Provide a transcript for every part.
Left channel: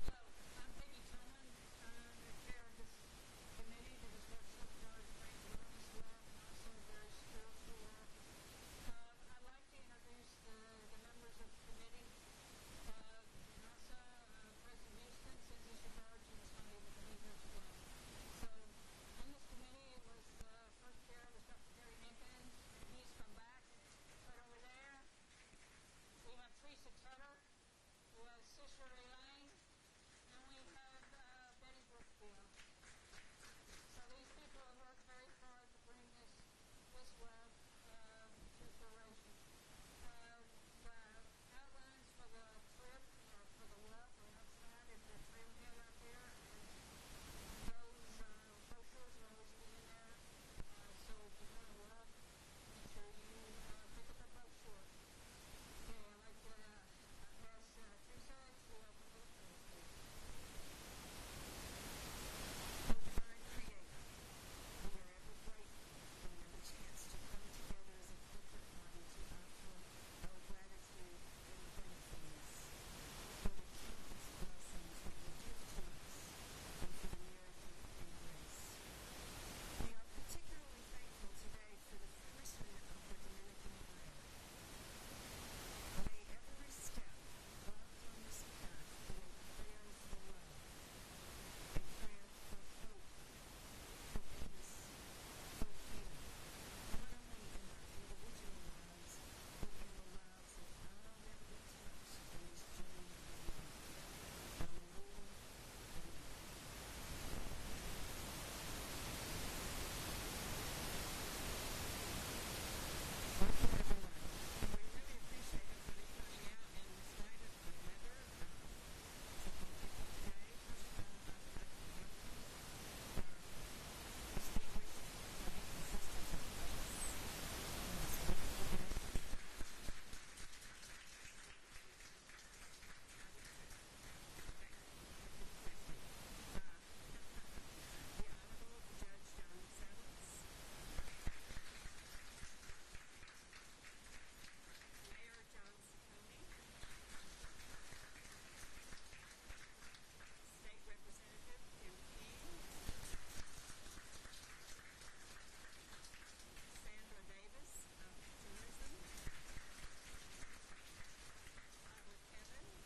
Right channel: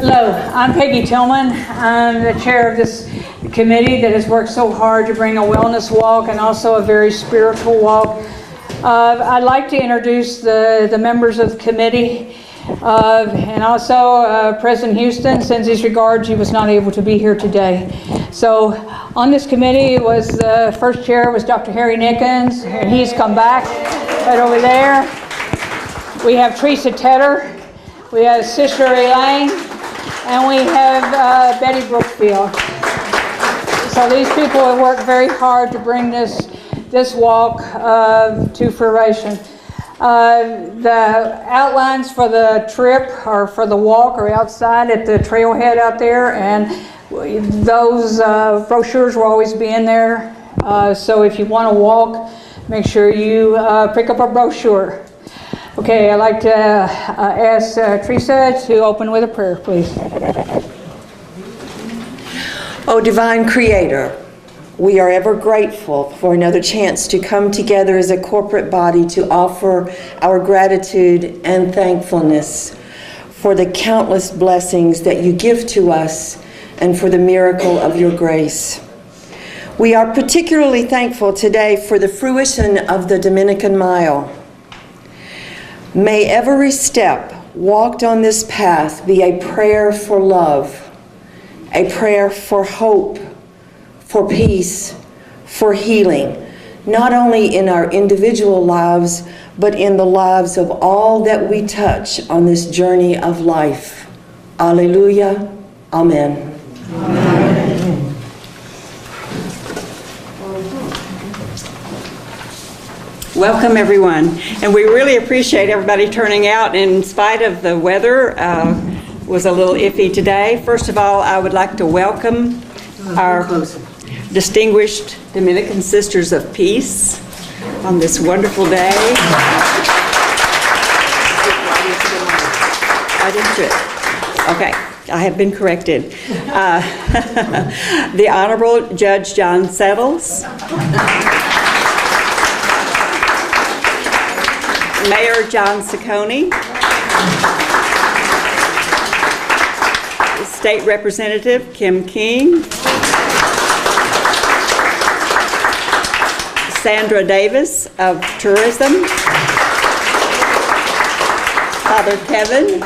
Hello, I'm Peggy Tillman. I'm the chair of this committee that has worked so hard to bring a wellness walk and also a very spiritual walk. I'd like to introduce the members of the committee and also President Houston sends his regards. He was not able to be here today. So on this committee was the first chair was Dr. Harry Nickens, and he's come back right over there. We have Teresa Tedder, we have Sister Elaine, and we have Betty Brookfield. So these people have worked very hard to bring this walk to fruition. The outlines for the trip or for the walk are outside at the trailhead out there, and those brochures will always be in there. So if you want to walk, make sure you pick up a brochure. Okay, I'd like to ask Teresa to open with a prayer, please. Oh, divine Creator, we are ever grateful for another chance to come together as a corporate body to offer our gratitude and thankfulness for the countless blessings that you give to us and for the miracle of your grace. We are particularly thankful today for the fruition of the Dominican Mile. May every step walked on this path be a prayer for love, a prayer for hope, for peace, for healing, not only in our individual lives, but in the lives of all that we touch on this journey of life. Alleluia. Amen. Amen. Welcome, everyone. And we really appreciate everybody turning out in spite of the weather. Was a little iffy today. First of all, I would like to welcome our distinguished Dominican Sisters of Peace on this wonderful day. I didn't do it. Okay, I have been corrected. The Honorable Judge John Settles. Mayor John Ciccone, State Representative Kim King, Sandra Davis of Tourism, Father Kevin,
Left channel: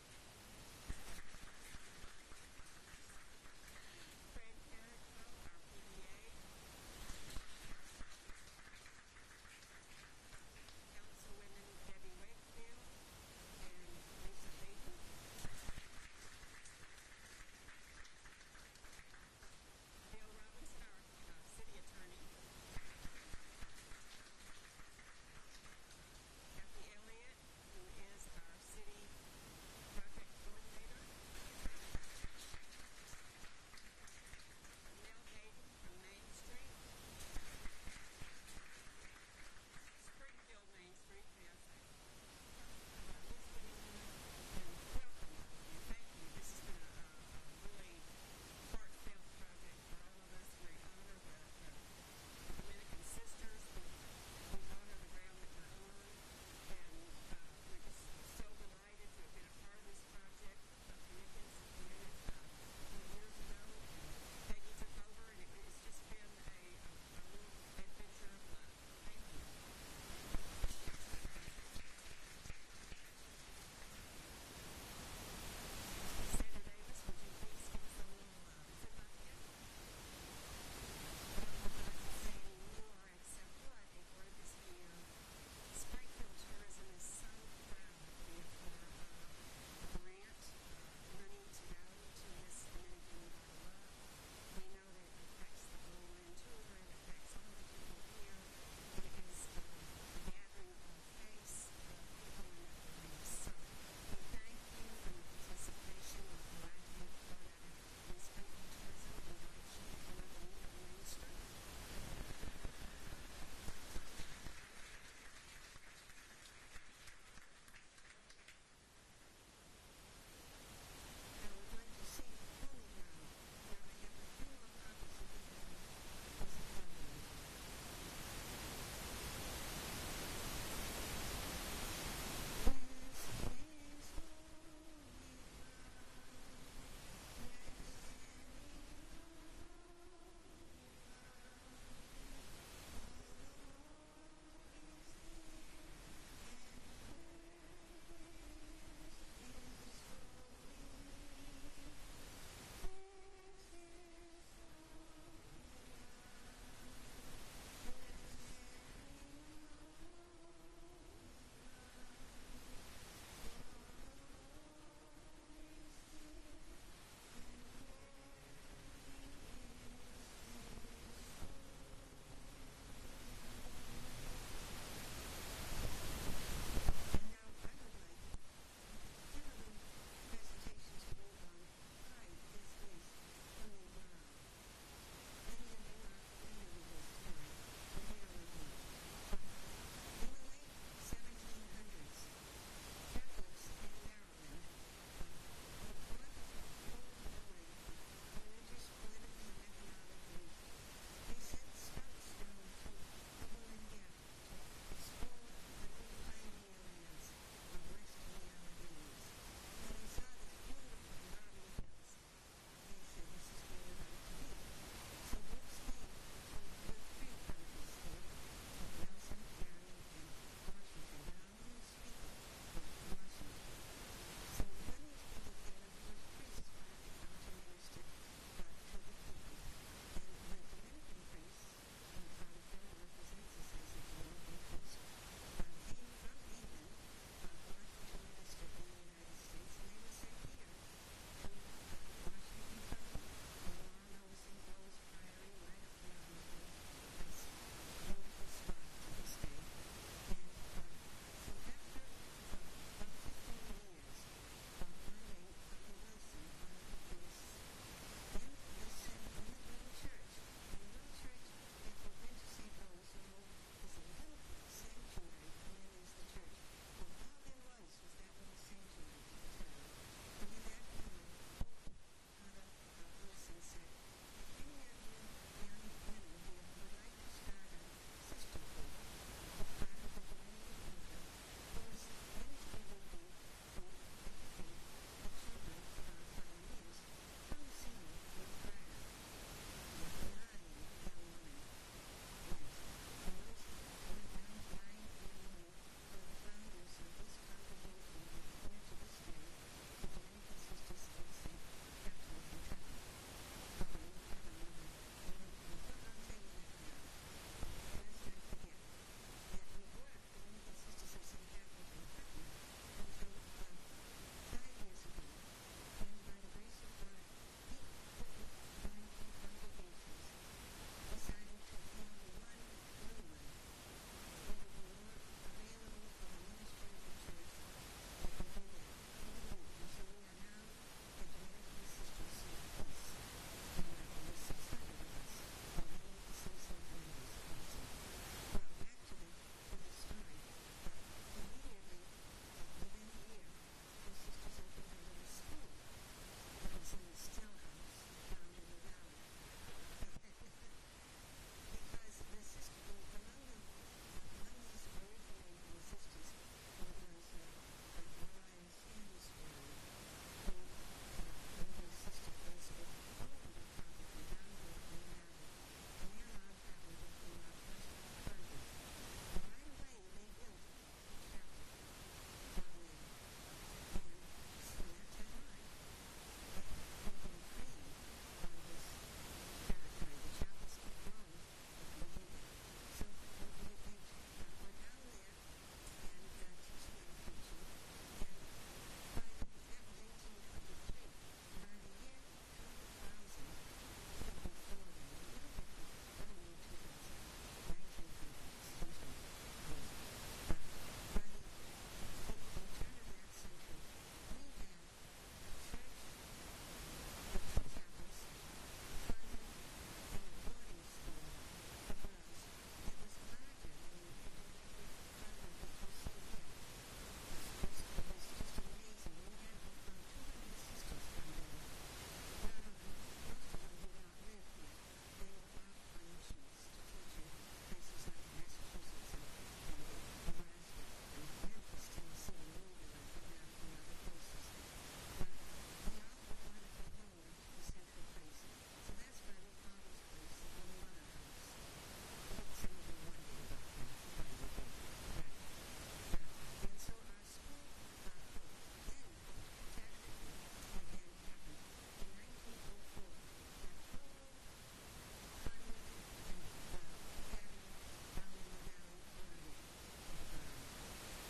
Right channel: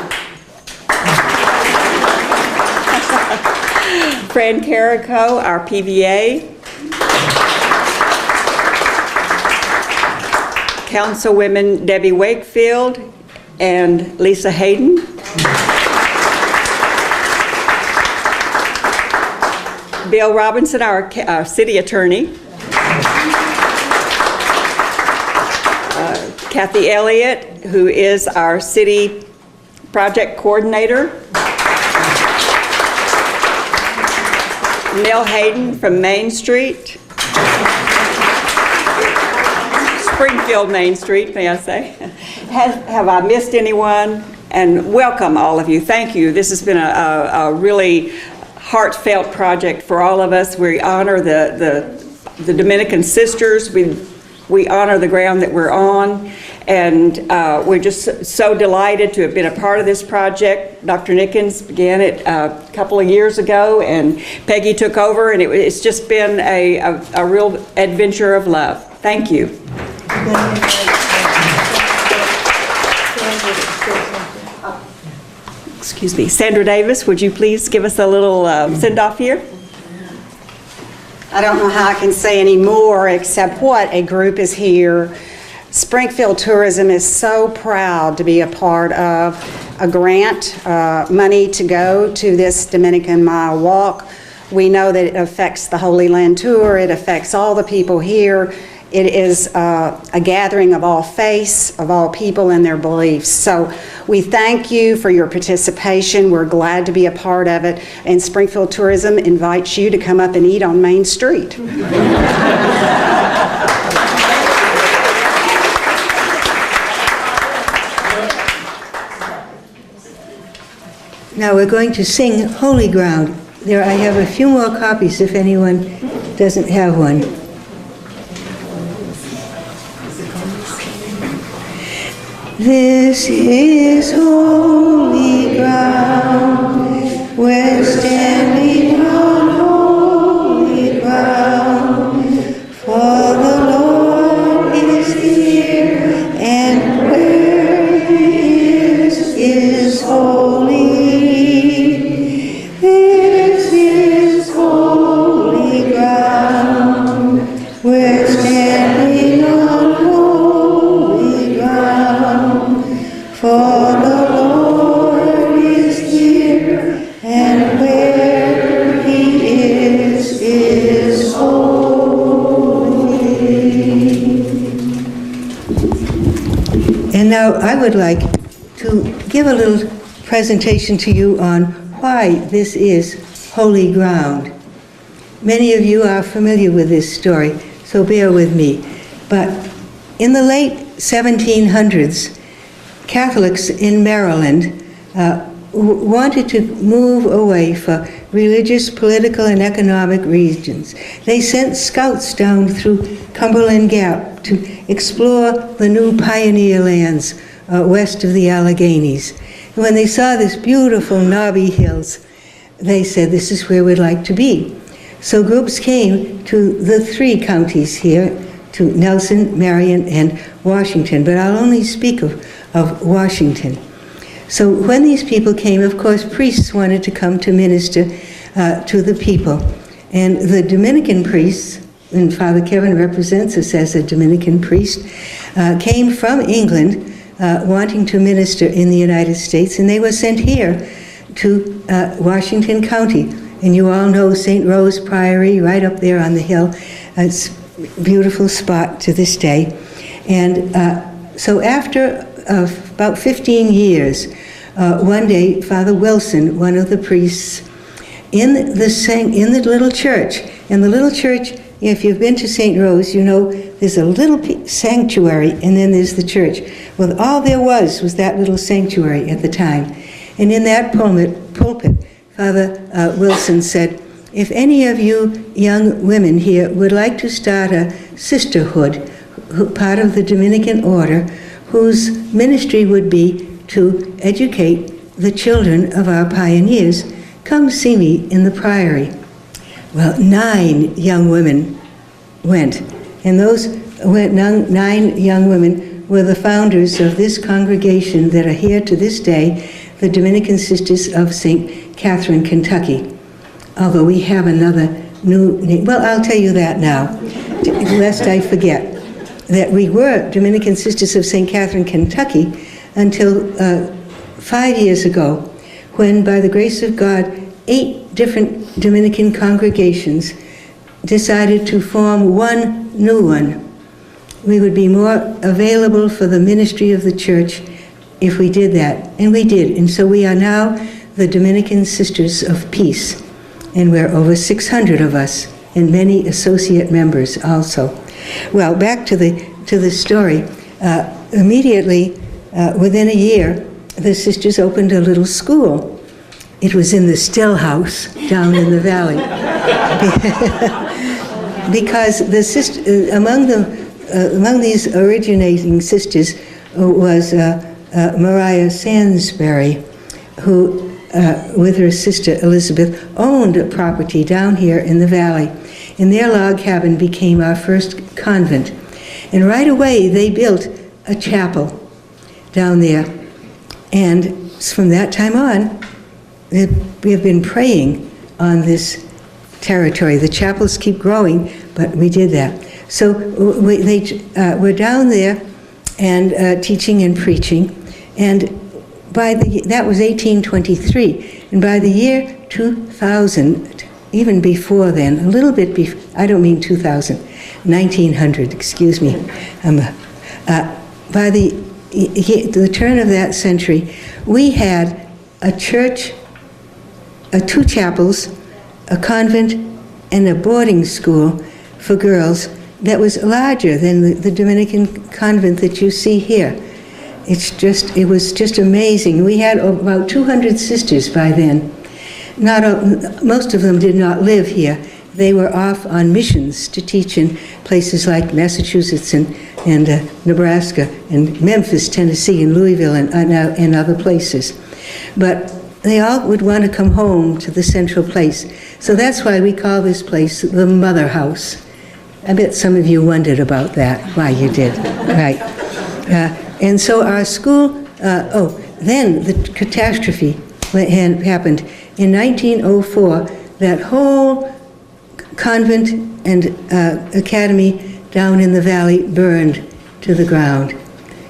Fran Carrico, our PVA, Councilwomen Debbie Wakefield and Lisa Hayden. Bill Robinson, our city attorney. Kathy Elliott, who is our city project coordinator. Nell Hayden from Main Street. Springfield Main Street, may I say. Have I missed anyone? And welcome all of you. Thank you. This has been a really heartfelt project for all of us. We honor the Dominican sisters. We honor the ground that we're on. And we're just so delighted to have been a part of this project. Dr. Nickens began it a couple of years ago, and Peggy took over, and it's just been a real adventure of love. Thank you. Excuse me. Sandra Davis, would you please give us a little send-off here? I don't know how I can say any more except what a group is here. Springfield Tourism is so proud to be a part of a grant, money to go to this Dominican Mile Walk. We know that it affects the Holy Land Tour. It affects all the people here. It is a gathering of all faiths, of all people and their beliefs. So we thank you for your participation. We're glad to be a part of it. And Springfield Tourism invites you to come up and eat on Main Street. Now we're going to sing Holy Ground. There, I have a few more copies if anyone doesn't have one. This is holy ground. would like to give a little presentation to you on why this is holy ground. Many of you are familiar with this story, so bear with me. But in the late 1700s, Catholics in Maryland wanted to move away for religious, political, and economic reasons. They sent scouts down through Cumberland Gap to explore the new pioneer lands west of the Alleghenies. And when they saw this beautiful knobby hills, they said, this is where we'd like to be. So groups came to the 3 counties here, to Nelson, Marion, and Washington, but I'll only speak of Washington. So when these people came, of course, priests wanted to come to minister to the people. And the Dominican priests, and Father Kevin represents us as a Dominican priest, came from England wanting to minister in the United States, and they were sent here to Washington County. And you all know St. Rose Priory, right up there on the hill. It's a beautiful spot to this day. And so after about 15 years, one day, Father Wilson, one of the priests, in the little church, and the little church, if you've been to St. Rose, you know there's a little sanctuary, and then there's the church. Well, all there was that little sanctuary at the time. And in that pulpit, Father Wilson said, if any of you young women here would like to start a sisterhood, part of the Dominican order, whose ministry would be to educate the children of our pioneers, come see me in the priory. Well, 9 young women went, and those 9 young women were the founders of this congregation that are here to this day, the Dominican Sisters of St. Catharine, Kentucky. Although we have another new name. Well, I'll tell you that now, lest I forget, that we were Dominican Sisters of St. Catharine, Kentucky, until 5 years ago, when, by the grace of God, 8 different Dominican congregations decided to form one new one. We would be more available for the ministry of the church if we did that, and we did. And so we are now the Dominican Sisters of Peace, and we're over 600 of us, and many associate members also. Well, back to the story. Immediately, within a year, the sisters opened a little school. It was in the Still House down in the valley. Because among these originating sisters was Mariah Sansbury, who, with her sister Elizabeth, owned a property down here in the valley. And their log cabin became our first convent. And right away, they built a chapel down there. And from that time on, we have been praying on this territory. The chapels keep growing, but we did that. So we're down there and teaching and preaching. And that was 1823. And by the year 2000, even before then, a little bit before, I don't mean 2000, 1900, excuse me. By the turn of that century, we had a church, 2 chapels, a convent, and a boarding school for girls that was larger than the Dominican convent that you see here. It was just amazing. We had about 200 sisters by then. Most of them did not live here. They were off on missions to teach in places like Massachusetts and Nebraska and Memphis, Tennessee, and Louisville and other places. But they all would want to come home to the central place. So that's why we call this place the Mother House. I bet some of you wondered about that, why you did, right. And so our school, then the catastrophe happened. In 1904, that whole convent and academy down in the valley burned to the ground.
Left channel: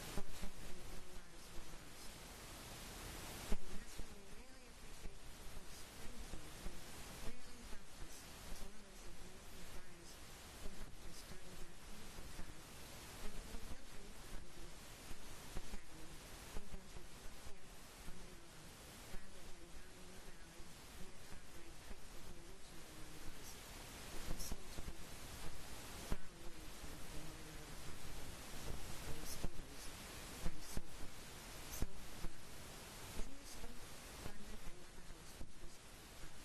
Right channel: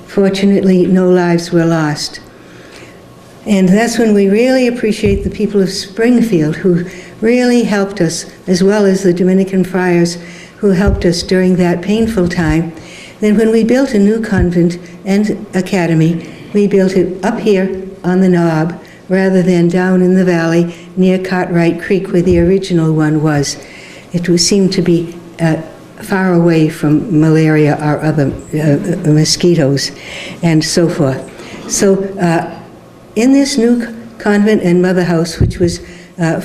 Fortunately, no lives were lost. And that's when we really appreciate the people of Springfield who really helped us, as well as the Dominican friars who helped us during that painful time. Then when we built a new convent and academy We built it up here on the knob rather than down in the valley near Cartwright Creek where the original one was. It seemed to be far away from malaria or other mosquitoes and so forth. So in this new convent and mother house, which was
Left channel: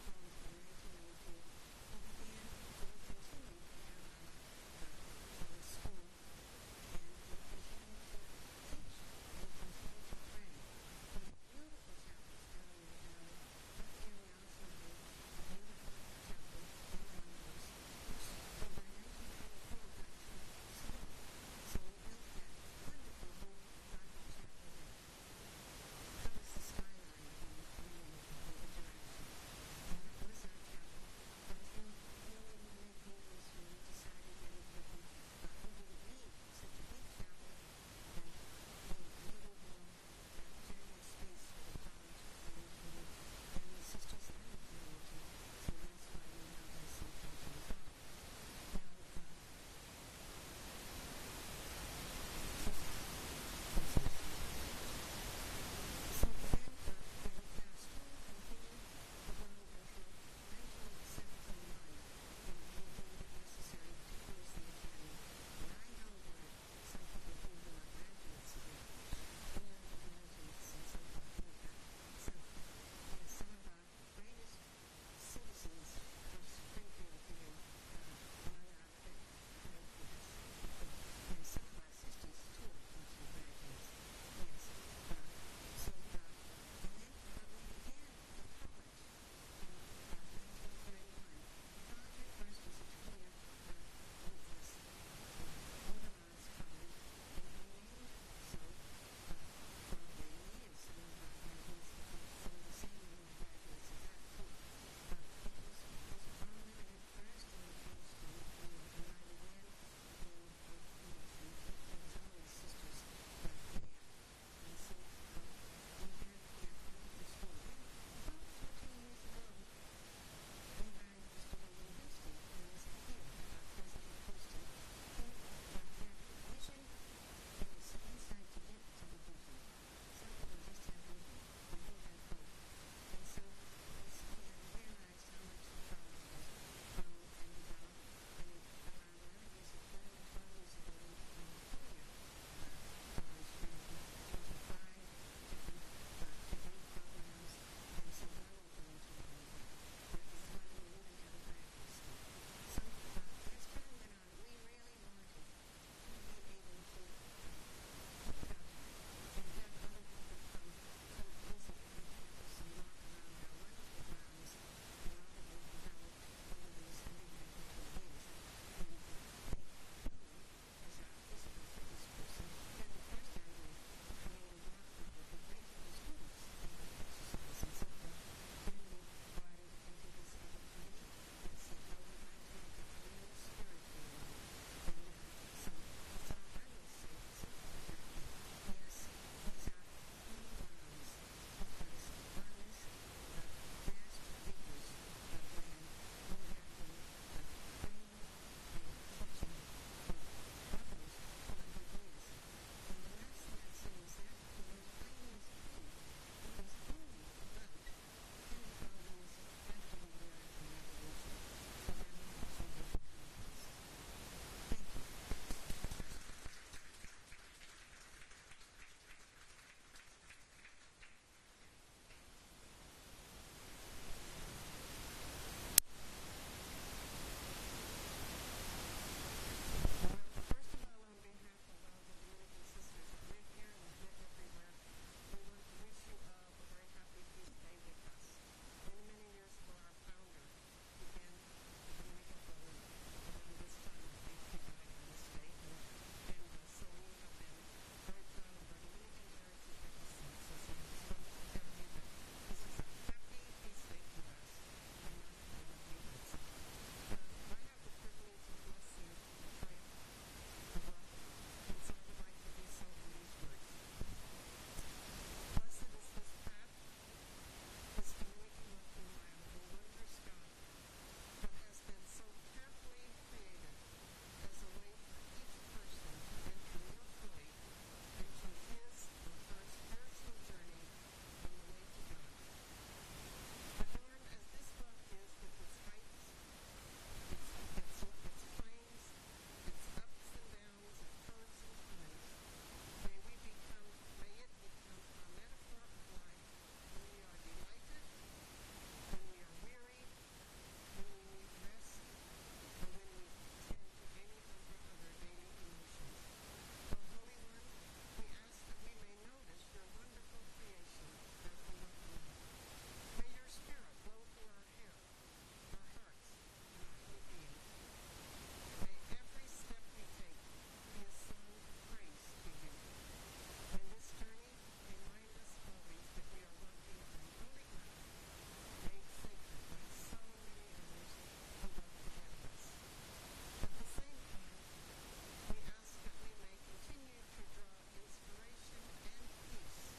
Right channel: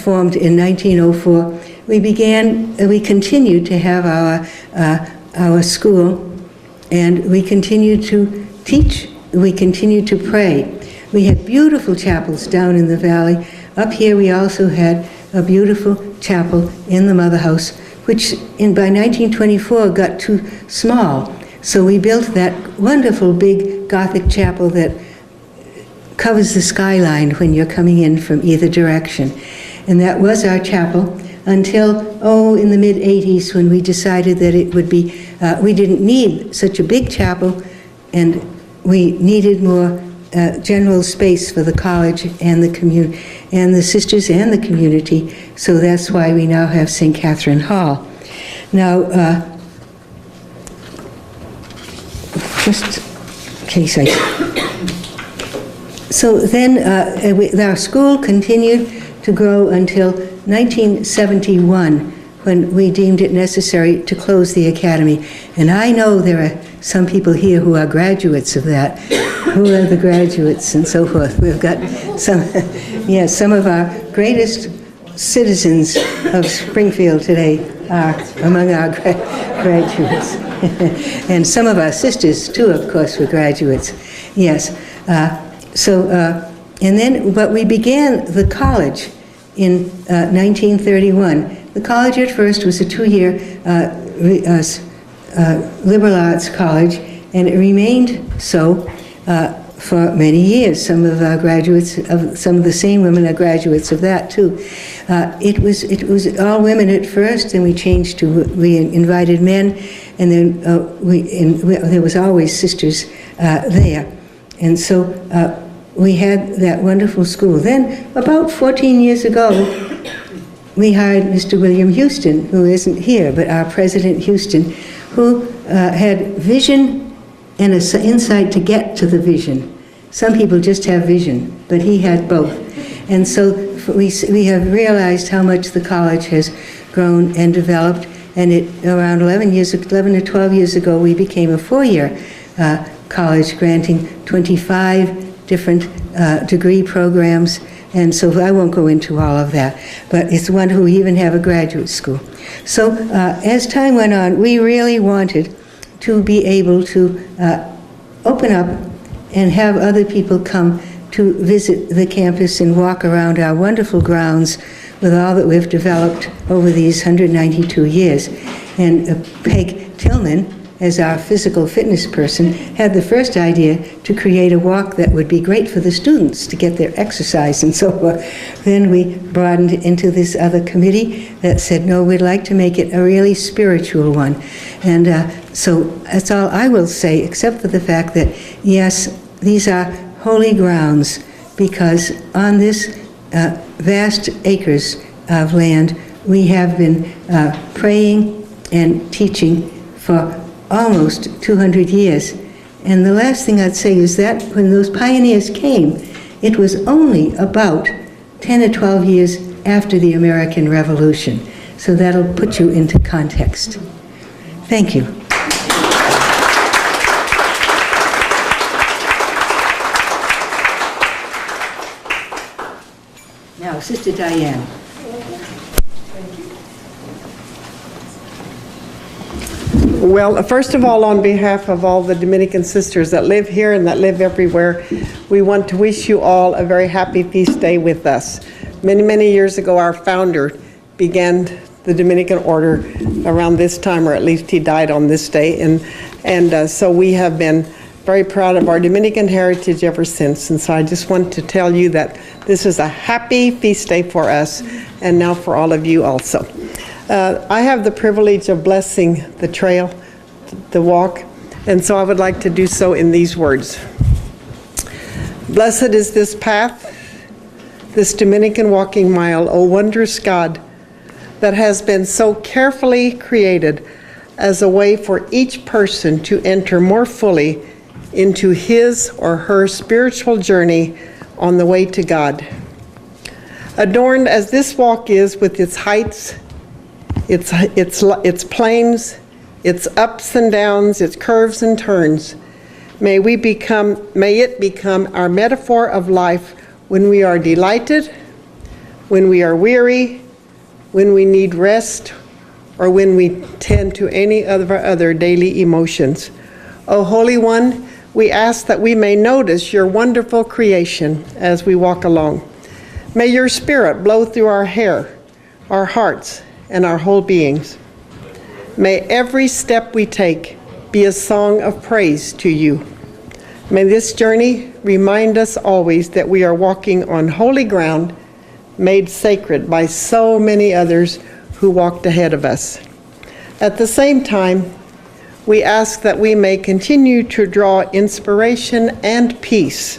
formed in 1904, we continued to have our school, and we continued to teach, we continued to pray. We had beautiful chapels down in the valley. Up here we also had a beautiful chapel in the mother house, which by 1924 got too small. So we built that wonderful big Gothic chapel that covers the skyline when you're coming in from either direction. And that was our chapel until, in the mid-'80s, when we decided that it would be, we didn't need such a big chapel, and we needed more general space for the college and the community, and the sisters and the community. So that's why we now have St. Catharine Hall. Now, just in case so then our school continued to grow until 1971, when we deemed it necessary to close the academy. And I know there are some people here who are graduates of that. Who are the graduates and so forth? We've got some, yes, some of our greatest citizens of Springfield today are among our graduates. And some of our sisters, too, of course, were graduates. Yes. But we began the college in 1931. The college at first was a 2-year liberal arts college, and it remained so for many years. Some of our graduates, some of the same women are graduates of that too. It was all women at first, and we changed to, we invited men, and then there was always sisters there. And so we had that wonderful school. Then, about 14 years ago, we hired Mr. William Houston, who isn't here, but our President Houston, who had vision and an insight to get to the vision. Some people just have vision, but he had both. And so we have realized how much the college has grown and developed, and around 11 or 12 years ago, we became a 4-year college, granting 25 different degree programs, and so I won't go into all of that, but it's wonderful. We even have a graduate school. So as time went on, we really wanted to be able to open up and have other people come to visit the campus and walk around our wonderful grounds with all that we've developed over these 192 years. And Peg Tillman, as our physical fitness person, had the first idea to create a walk that would be great for the students to get their exercise and so forth. Then we broadened into this other committee that said, no, we'd like to make it a really spiritual one. And so that's all I will say, except for the fact that, yes, these are holy grounds, because on this vast acres of land, we have been praying and teaching for almost 200 years. And the last thing I'd say is that when those pioneers came, it was only about 10 or 12 years after the American Revolution. So that'll put you into context. Thank you. Now, Sister Diane. Well, first of all, on behalf of all the Dominican sisters that live here and that live everywhere, we want to wish you all a very happy feast day with us. Many, many years ago, our founder began the Dominican order around this time, or at least he died on this day. And so we have been very proud of our Dominican heritage ever since. And so I just want to tell you that this is a happy feast day for us, and now for all of you also. I have the privilege of blessing the trail, the walk, and so I would like to do so in these words. Blessed is this path, this Dominican walking mile, O wondrous God, that has been so carefully created as a way for each person to enter more fully into his or her spiritual journey on the way to God. Adorned as this walk is with its heights, its plains, its ups and downs, its curves and turns, may it become our metaphor of life when we are delighted, when we are weary, when we need rest, or when we tend to any of our other daily emotions. O Holy One, we ask that we may notice your wonderful creation as we walk along. May your Spirit blow through our hair, our hearts, and our whole beings. May every step we take be a song of praise to you. May this journey remind us always that we are walking on holy ground, made sacred by so many others who walked ahead of us. At the same time, we ask that we may continue to draw inspiration and peace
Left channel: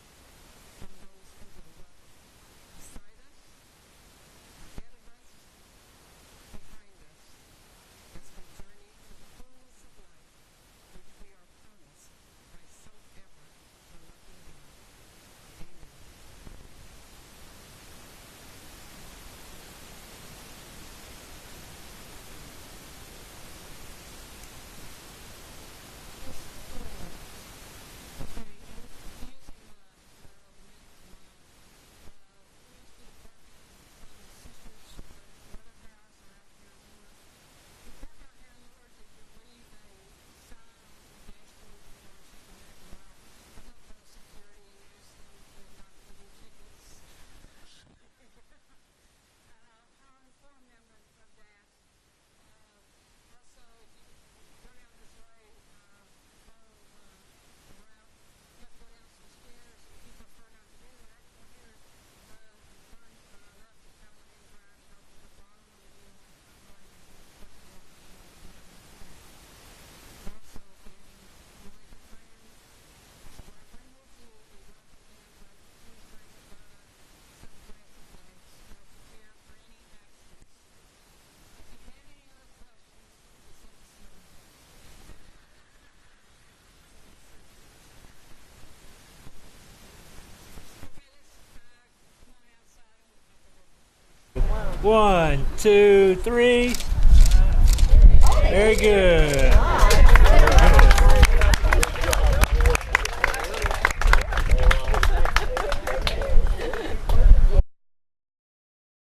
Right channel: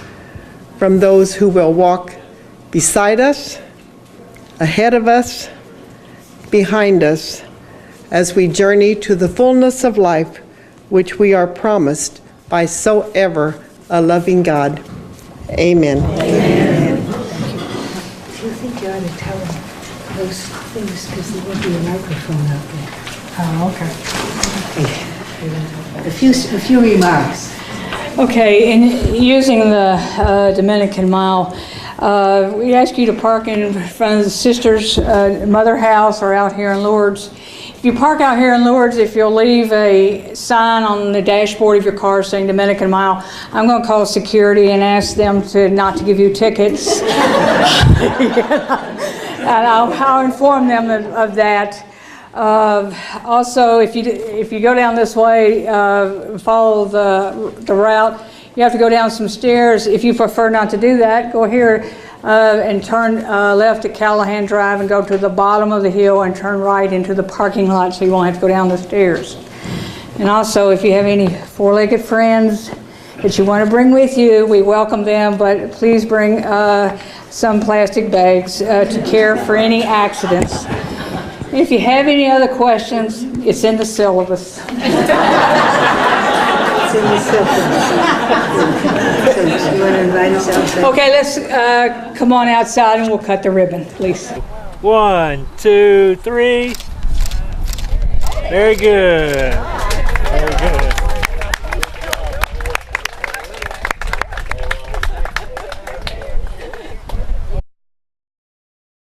from those who will walk beside us, ahead of us, behind us, as we journey to the fullness of life which we are promised by so ever a loving God. Amen. Amen. Do you think you ought to tell them those things, because there will be a microphone out there? Oh, okay. A few remarks. Okay, in using the Dominican Mile, we ask you to park in front of the sister's mother house or out here in Lourdes. If you park out here in Lourdes, if you'll leave a sign on the dashboard of your car saying Dominican Mile, I'm going to call security and ask them not to give you tickets. And I'll inform them of that. Also, if you go down this way, follow the route, you have to go down some stairs. If you prefer not to do that, go here and turn left at Callahan Drive and go to the bottom of the hill and turn right into the parking lot so you won't have to go down the stairs. And also, if you have any four-legged friends that you want to bring with you, we welcome them, but please bring some plastic bags to care for any accidents. If you have any other questions, it's in the syllabus. It's in the syllabus. So you want to invite us outside? Okay, let's come on outside and we'll cut the ribbon, please. 1, 2, 3. Very good. Very good.